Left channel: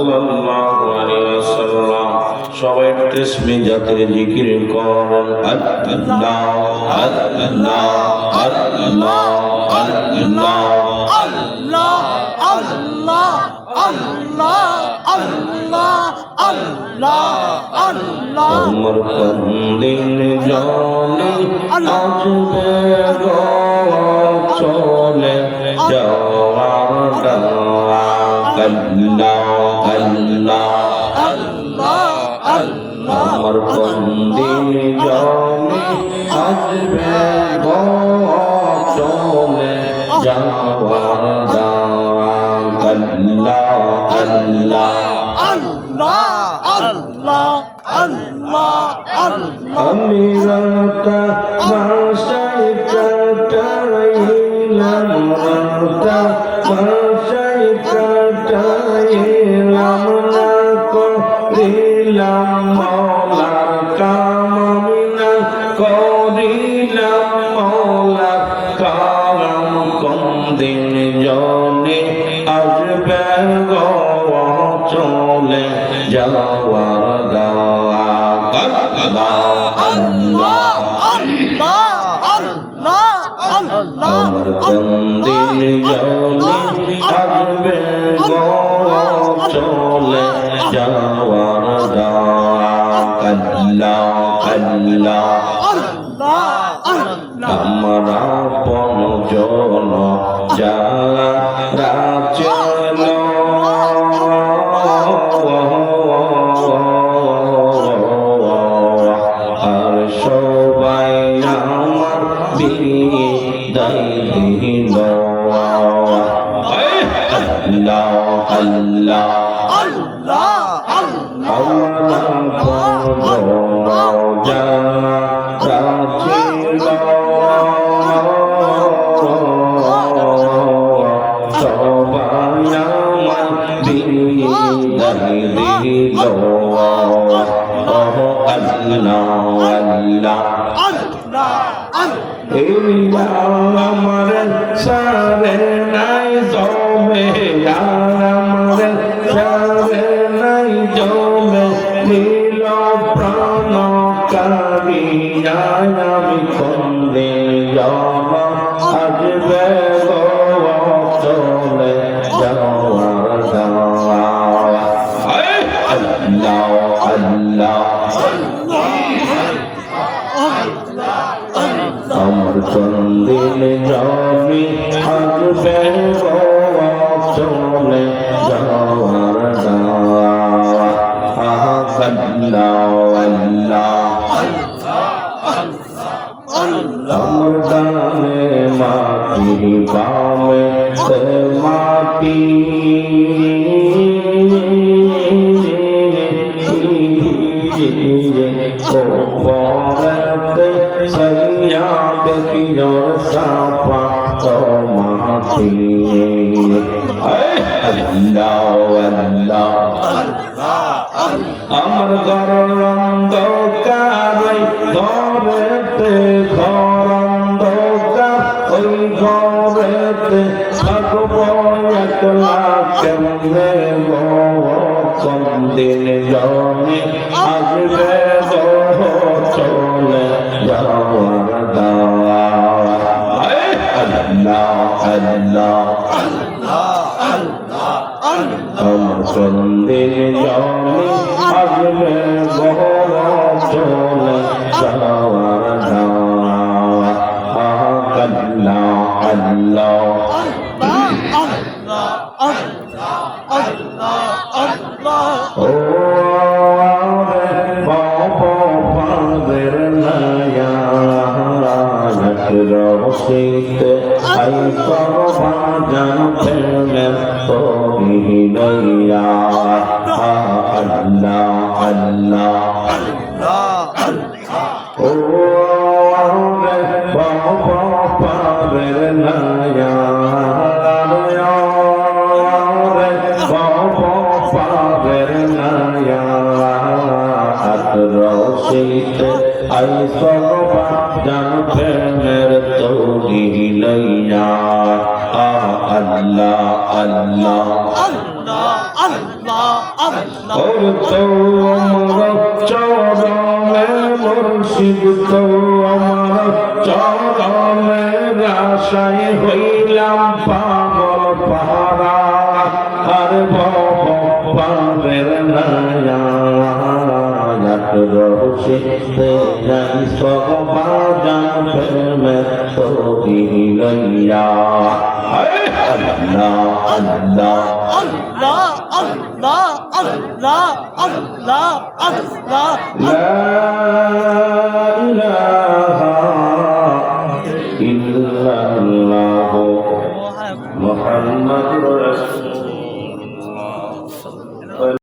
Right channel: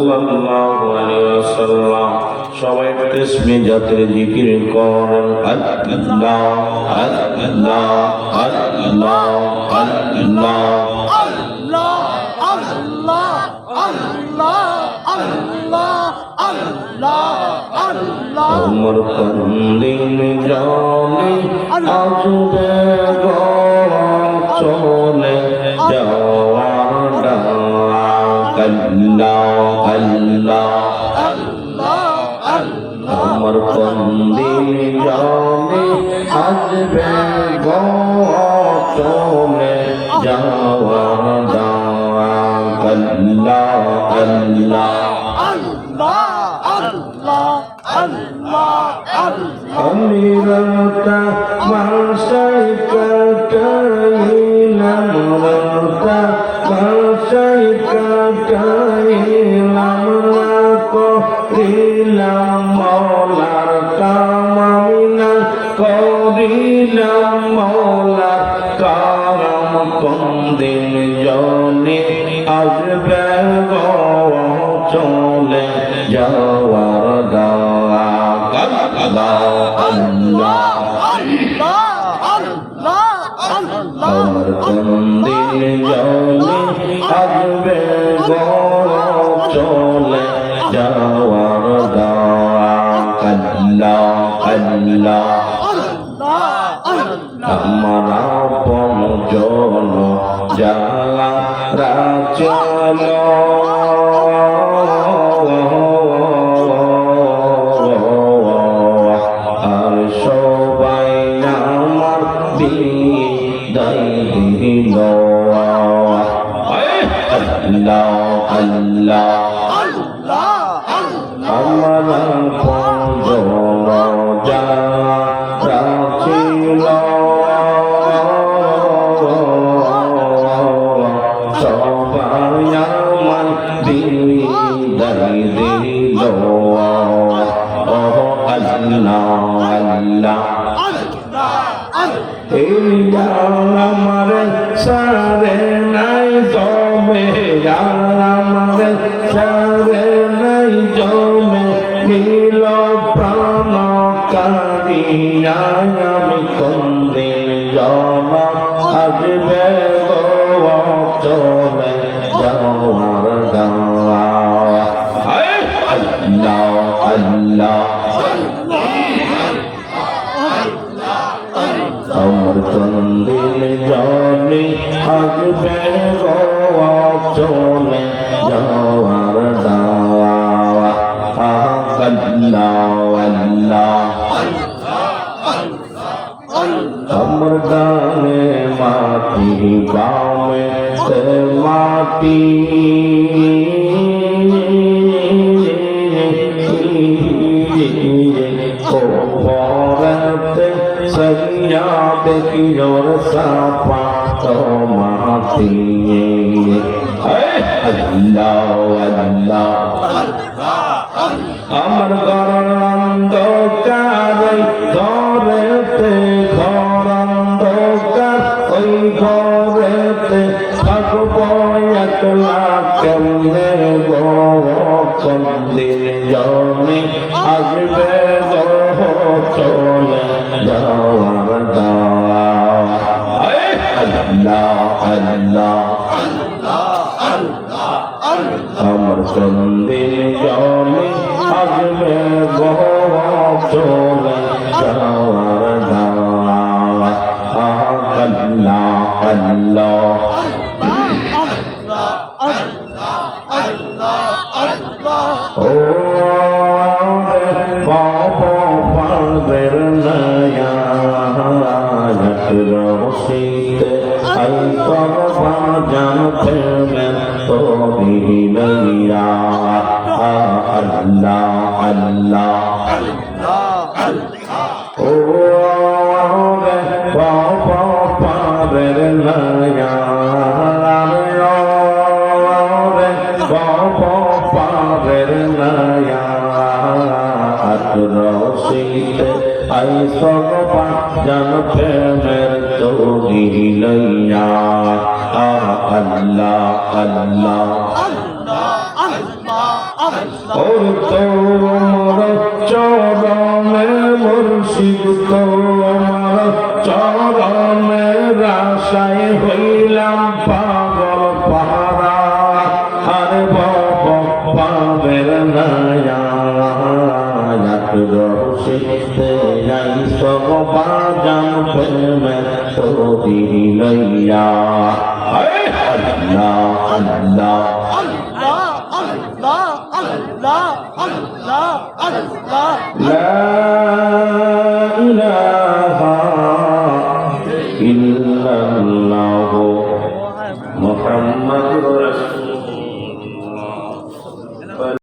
সাল্লাল্লাহু আলাইহি ওয়াসাল্লাম সবাই তাসবিহ জাতীয় জিকির করেন আল্লাহ আল্লাহ আল্লাহ আল্লাহ আমার কন্দিন জানে আসবে গো চলে যাওয়ার ডাক আল্লাহ আল্লাহ আমার কন্দিন জানে আসবে গো চলে যাওয়ার ডাক আল্লাহ আল্লাহ আমি রাতা বাসাই কাটাইলাম রাতা বাসাই কাটাইলাম না করিলাম মৌলার কাম আমি না করিলাম মৌলার কাম কোন দিন জনে আসবে গো চলে যাওয়ার ডাক আল্লাহ আমার চন্দিন জলে আসবে গো চলে যাওয়ার ডাক আল্লাহ আল্লাহ আমার আপন জন যারা চলো আর সবাই আমার বিদায় দিল আল্লাহ আল্লাহ আমার আপন জন যারা ছিল সবাই আমার বিদায় দিল আল্লাহ আল্লাহ এই আমার সারে নাই জমে আমার সারে নাই জমে নীল প্রাণ কারিয়া আমি কোন দিন জম আসবে গো চলে যাওয়ার আল্লাহ আল্লাহ আমার কোনদিন জানি আসবে গো চলে যাওয়ার আল্লাহ আল্লাহ আমার ডানে মাটি বামে মাটি ওপরেতে সৈয়াবে কিলোর সাপা তোমাতি আল্লাহ আল্লাহ আমার ঘরের অন্ধকার ঘরেতে ঘর অন্ধকার ওই ঘরেতে থাকবো একলা কেমনে গো কোন দিন জনে আসবে গো চলে যাওয়ার দাওয়াত আল্লাহ আল্লাহ আমার কোন দিন জনে আসবে গো চলে যাওয়ার দাওয়াত আল্লাহ আল্লাহ ও বাবা পাদের নয়া রসিতে আই তরবান জানতে মের তোরি নয়া আল্লাহ আল্লাহ ও বাবা পাদের নয়া বাবা পাদের নয়া রসিতে আই সগবান জানতে মের তোরি নয়া আল্লাহ আল্লাহ ওর তো আমার চরণে মুর্শিদ তো আমার চরণে আশায় হইলাম পাগল পাহারা আর বাবের নয়া রোশে যাই সগবা জান প্রেমের তোরি লইয়া আল্লাহ আল্লাহ لا